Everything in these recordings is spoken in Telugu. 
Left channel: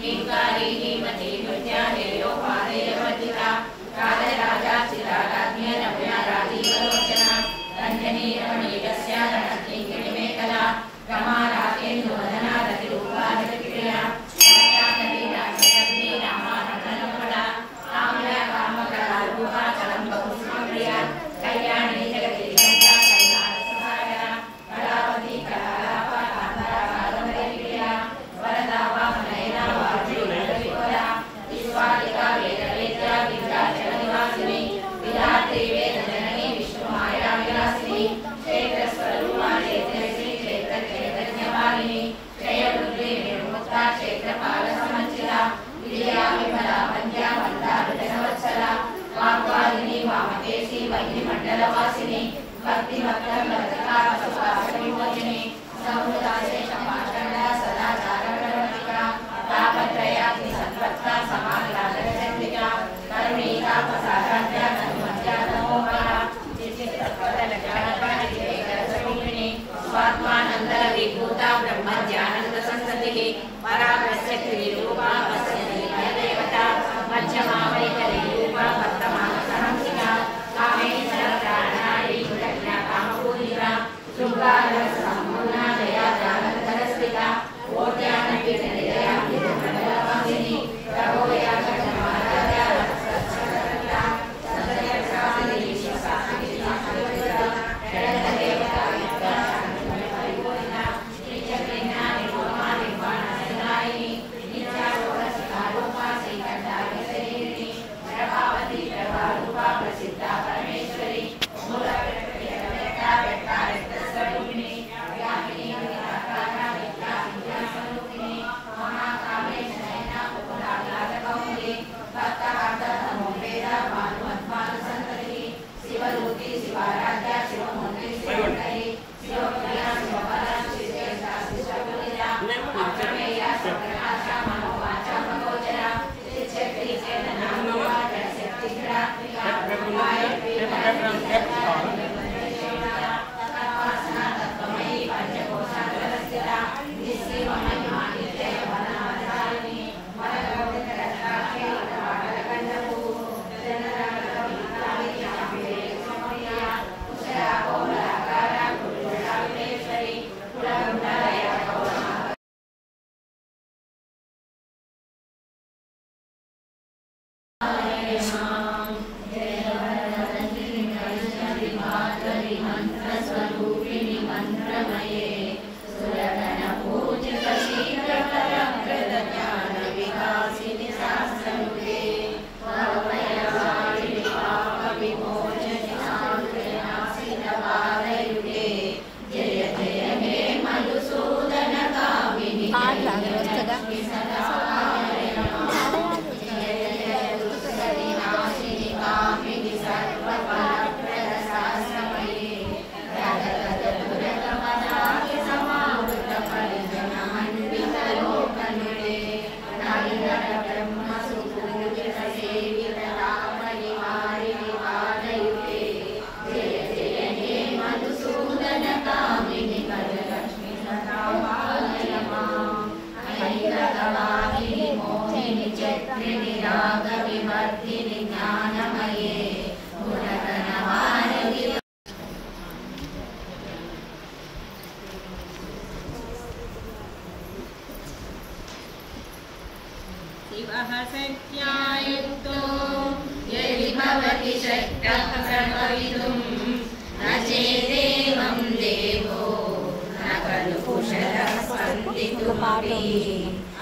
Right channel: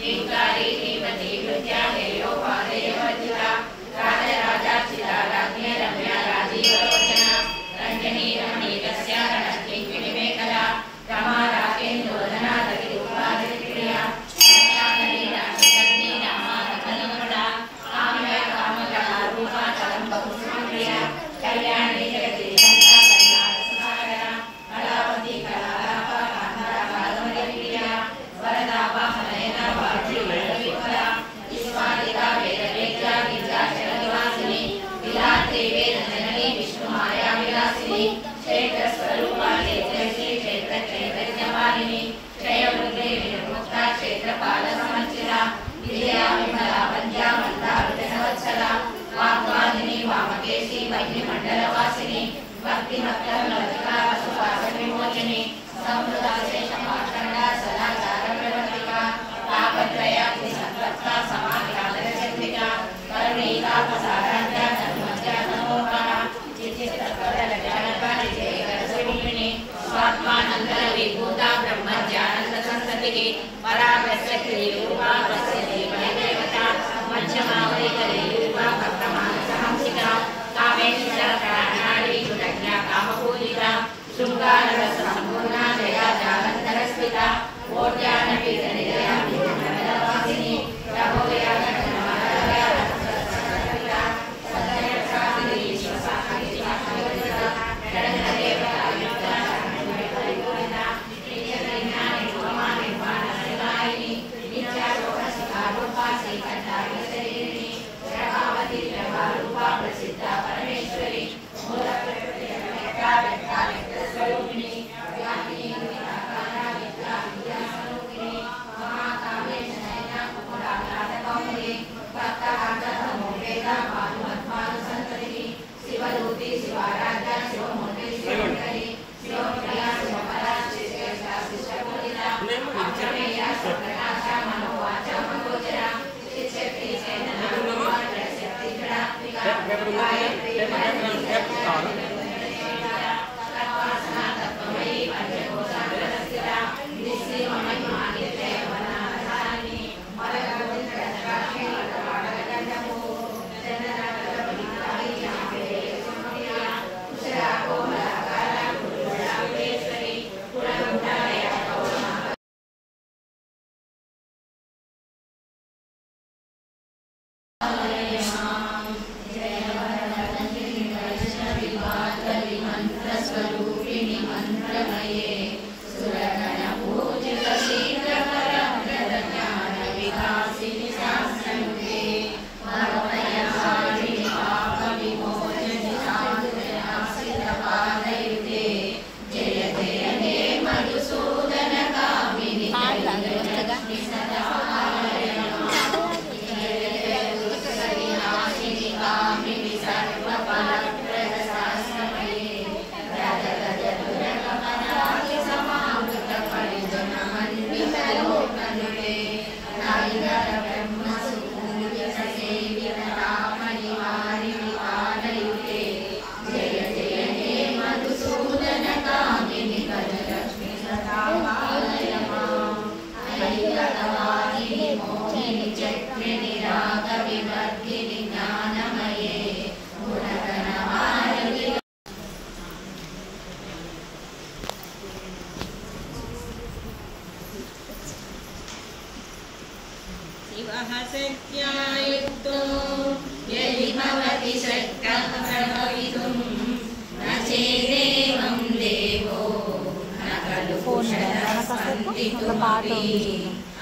नींकारी नीमती नृत्या हेयो पादेवतिका राजराजार्चिता राज्ञ रम्या राजीवलोचना रंजनी रमणीयस्य रणकिङ्किणीमेखला रमा राकेन्दोदना रतिरूपा रतिप्रिया अनकाकली राजकर्णी रामा रत्नकमला काम्या कामकला रूपा कलम्बकुसुमप्रिया कल्याणी जगति गङ्गा करुणारससागरा कलावती कलालापा कान्ता कादम्बरीप्रिया वरदा वामनयना वार्तिकला विश्वादिका वेदवेद्या विद्याचलनिवासिनी विरात्रि वेदजननी विष्णुमाया विलासिनी क्षेत्रस्वरूपाणि जयश्री क्षेत्र चैतन्यमालिनी जयमुद्री निर्मुक्ता क्षेत्रपालसमर्चिता विजया विमला वन्द्या मन्दा विजनवत्सला वाग्वादिनी वामकेशी महिमण्डलवासिनी भक्तिभक्तमलतिका सुभाषविमोचिनी संवृताशेषपाषण्डा सदाचारप्रवर्तिका पापत्रयाति सत्त्वत्वा समाग्रादरचन्द्रिका करुणीतापसाराध्या धर्मज्ञा तमोपहा चित्तिस्तत्पदलजानपारिजयकरस्वरूपिणी स्वात्मानन्द विभूता ब्रह्मज्ञानन्दसंसतिः पराप्रत्यक्षरूपा पश्यति देवता मध्यमावलिकरूपा वर्तमानसहंसिका कामेश्वरप्राणाली गुणज्ञा कामपूजिका शृङ्गाररससम्पूर्णा जया जालन्धरस्मिता ओड्यानपीठनिलया विजयमण्डलवासिनी प्रभोया घटमालाया रत्नसरस्वता सदयशासिनी विश्वसाहित्याशोभिता जगन्देवता युक्ता परिपूर्णा नित्यज्ञानि पूर्णा निर्वाणसिनायिनी नित्यारोहशिखारूपा श्रीकण्ठायुधशरीरिणी प्रभावती प्रभारूपा प्रसिद्धा परमेश्वरी मूलप्रकृतिव्यक्ता व्यक्ताव्यक्तस्वरूपिणी व्यापिनी गुणाकारा विद्या विद्यास्वरूपिणी महाकामेशनयना कुकुलाग्रातकौमुदी भक्तार्थमोपेदा भानुमध्वानुसन्ततिः शिवरूपी शिवाराध्या शिवमूर्ति शिवोत्तरी शिवप्रिया शिवपरा शिवश्रेष्ठा शिवपूजिता अप्रमेया स्वप्रकाशा मनोवाचा मनोगोचरा चित्शक्ति चेतना रूपा जडशक्ति जडात्मिका तत्त्वमयी पंचकोशाग्रवस्थिता निःसीममहिमानित्ययवनाधारिणी मलकोटितरत्राक्षी वटवाटकण्डभू जनरमलविद्राविज्ञापिरेश्वमप्रिया कुशला कोमलाकारा कुरुला विलेश्वरी कुलकुण्डलया कौमा मंत्रस्वरूपिणी मंत्रमये सुरगणपूजित शीघ्रपरमृतज्ञान विकासिनि शास्त्रयुगे भवभयहारिणि पापविमोचनि शान्तिनाशितपादयुगे जय जय हे मधुसूदन कामिनि लक्ष्मी सदा कामिनि सर्वफलप्रदशास्त्रमये राजगजपुरकमलानि समावृतपरिजनमन्वितलोकनुते नैरब्रह्मसुपूज्यसेवितरामनिवारिणि पादयुगे जय जय हे मधुसूदन कामिनि गजलक्ष्मी सदा पालय माम् ऐकगवाहिनि मोहिनि चक्रिणि रागविवर्धिनि ज्ञानमये गुणगणमालिनि शिवः शक्त्यायुक्तो यदि भवति शक्तः प्रभवितुं न चेदेवं देवो न खलु कुशलः सन्ति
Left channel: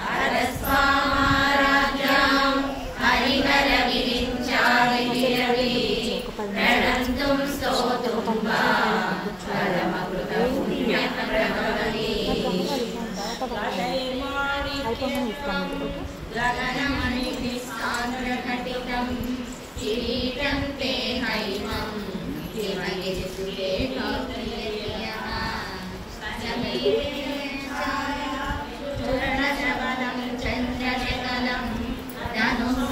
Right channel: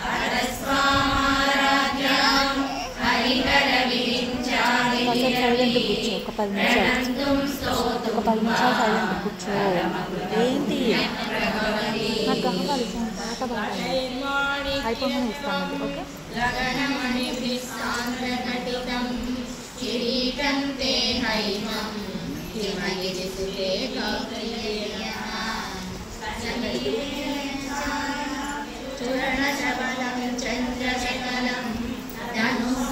हरस्वामाराज्ञां हरिहरविरिञ्चादिभिरवि प्रणन्तुं स्तोतुं वा परमकृतं प्रभवति गगनमणिभिस्सान्द्रघटितं किरीटं ते हैमं हिमगिरिसुते कौप्रियः चूर्णशबलं चन्द्रशकलं धनुः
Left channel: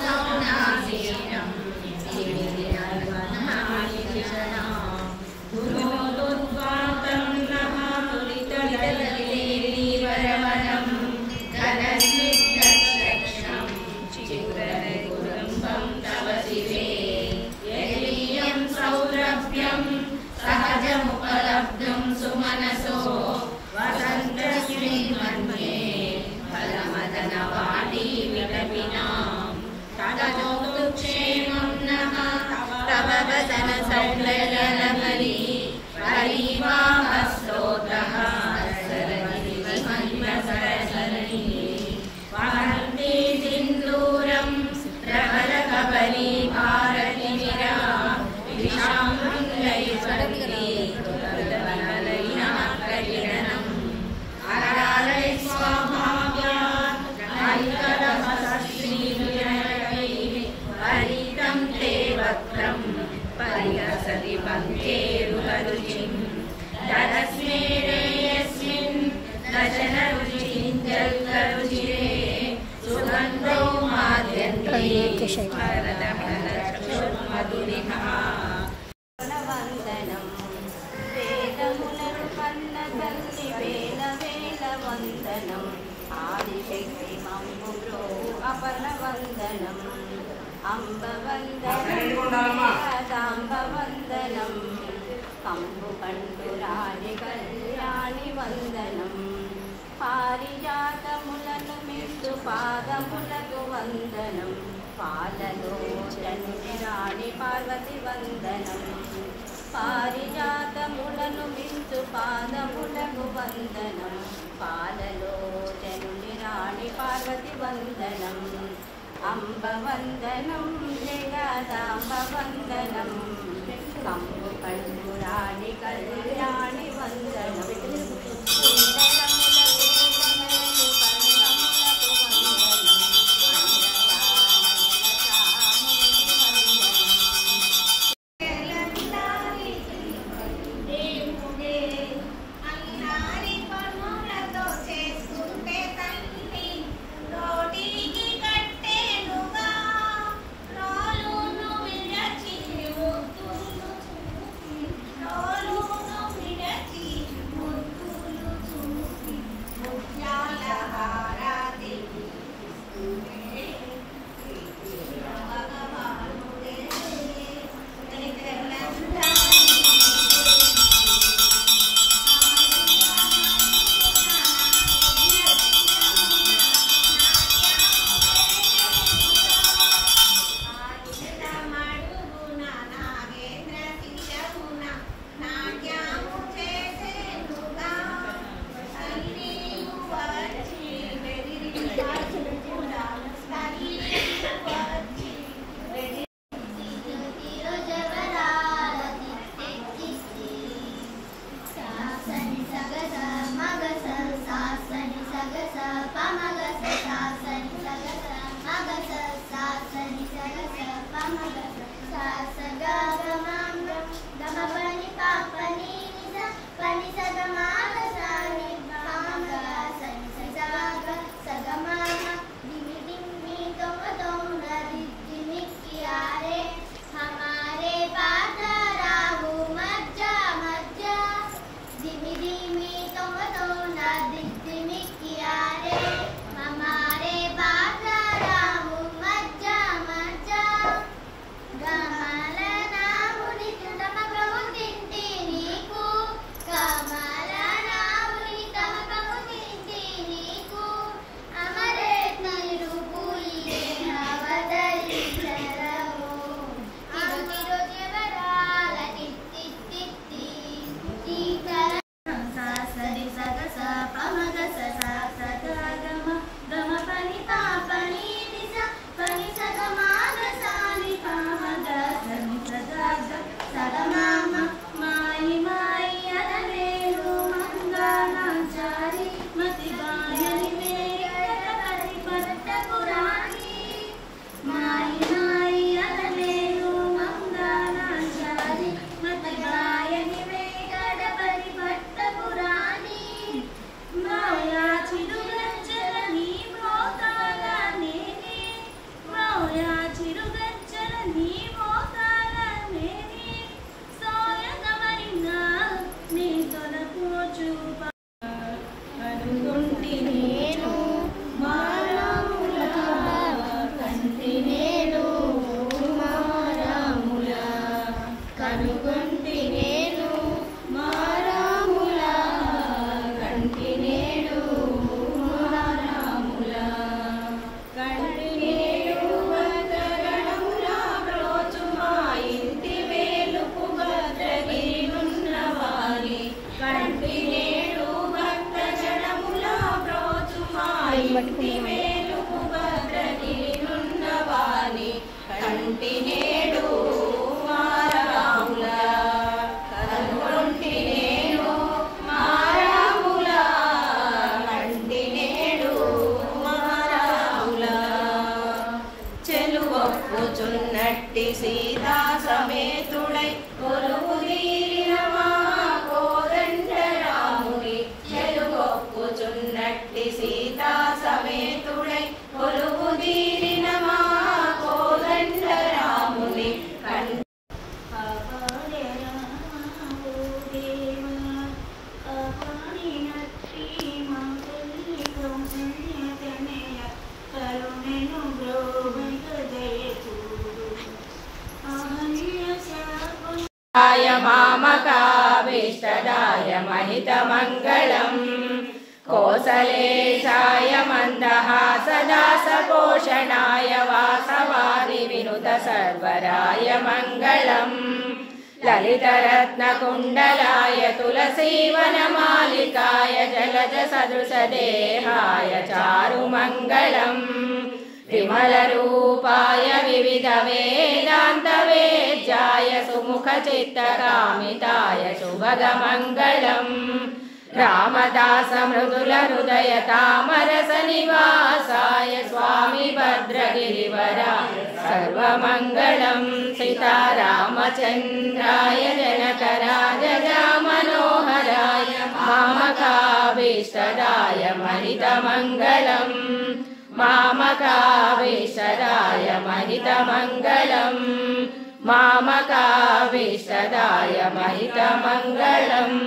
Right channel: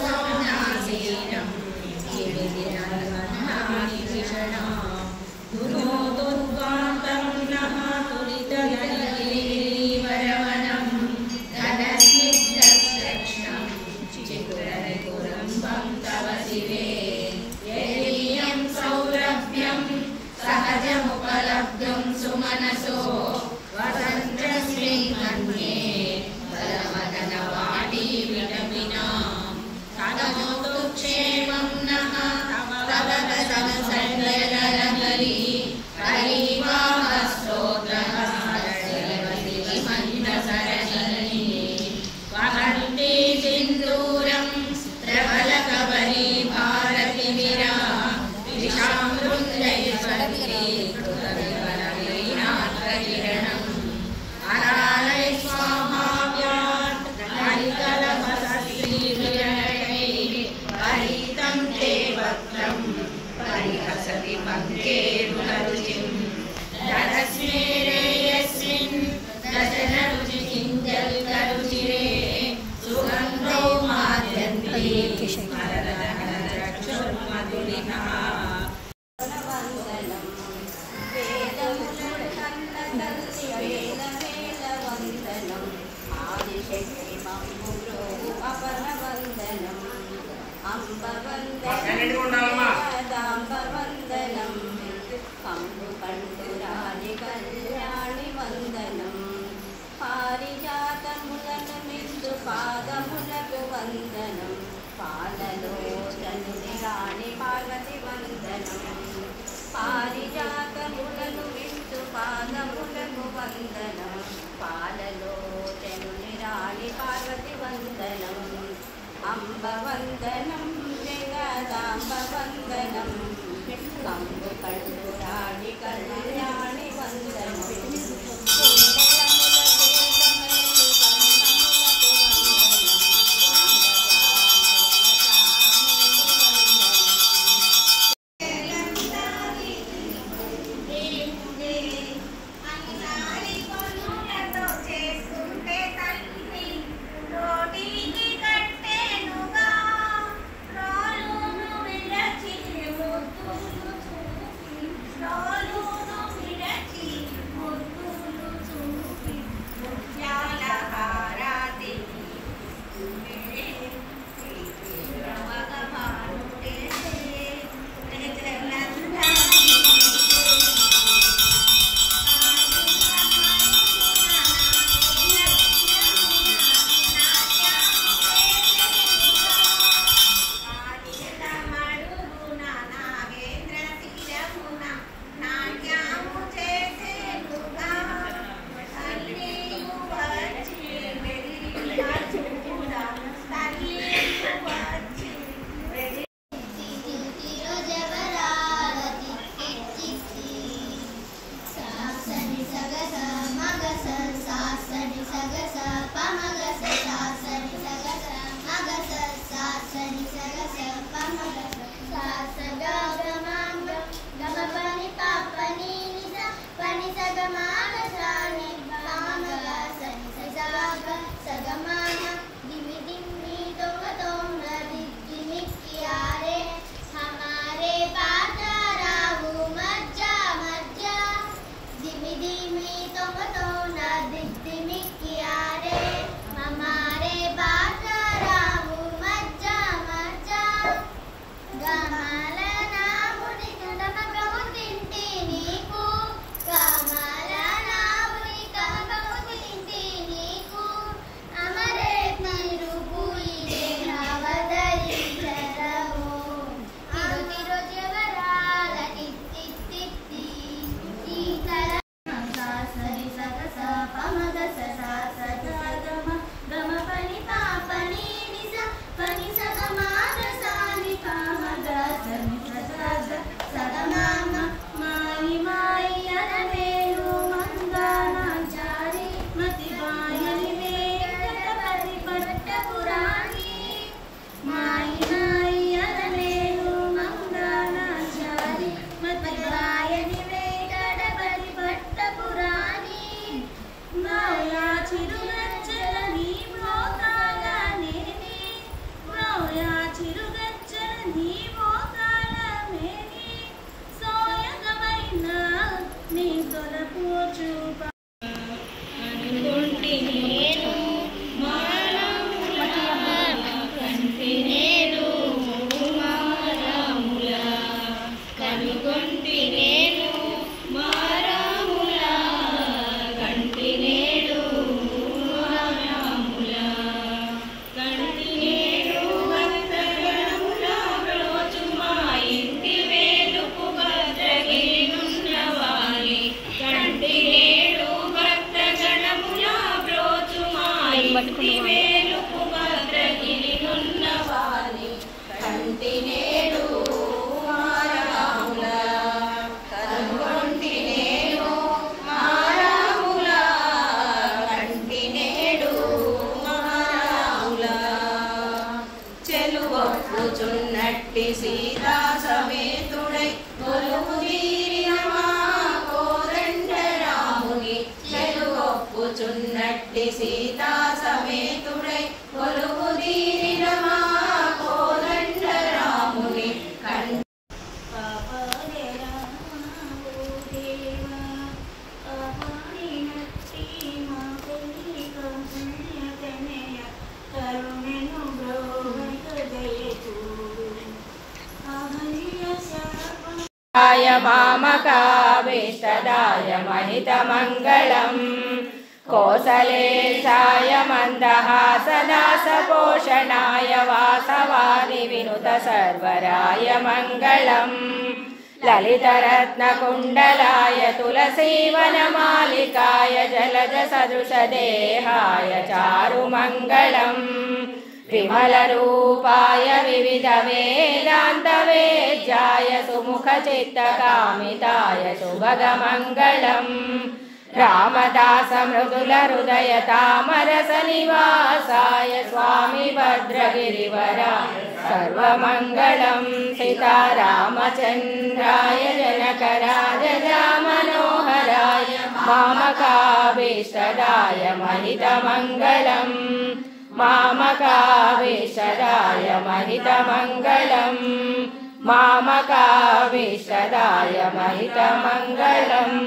శబరి భారతి విరా విషామృంజయుషంతి తులవివనలైనాత్రకిరణం అరాలై స్వాభావ్యాత్ హరికలహసశ్రీభిరణకైః హరితం తే వక్త్రం పరిహసతి పంకేరుహరుచిం తరస్మేరే యస్మిన్ దశనరుచికింజల్కరుచిరే సుగంధో మాద్యంతి మధురిమా వందనం వేదములను కన్న తల్లి వేల వేల వందనం ఆదిశక్తి మమ్ము బ్రోవు అపన వందనం అంబ వందనం దాంబ వందనం కంబు కండు రాణి కళ్యాణి వందనం పారిజాతములను మిందు పాదములకు వందనం పాలలో చంద్రి రాణి పార్వతి వందనం పారిజాతములను మిందు పాదములకు వందనం పాలలో చంద్రి రాణి పార్వతి వందనం అంబ వందనం జగదాంబ వందనం కంబు కండు రాణి కళ్యాణి వందనం పట్టుకున్నవాడు సీతా సమేతుడై కొలువు తీరిన మా కోదండ రాముని మామకాభీష్టదాయ महितमङ्गलम् कोसलेशाय मन्दहासदासपोषणाय वासवादि विनुत सर्वराय मङ्गलम् ललितरत्नकुण्डलाय तुलसीवनमालिकाय जलजसदृशदेहाय चारुमङ्गलम् विमलरूपाय विविधवेदान्तवेद्याय सुमुखचित्तकामिताय शुभगमङ्गलम् रामदासमृदुलहृदय तामरसनिवासाय स्वामी भद्रगिरिवराय सर्वमङ्गलम् सीतारामचन्द्राय जनकराजजामनोहराय मामकाभीष्टदाय महितमङ्गलम् मामकाभीष्टदाय महितमङ्गलम् मामकाभीष्टदाय महितमङ्गलम्।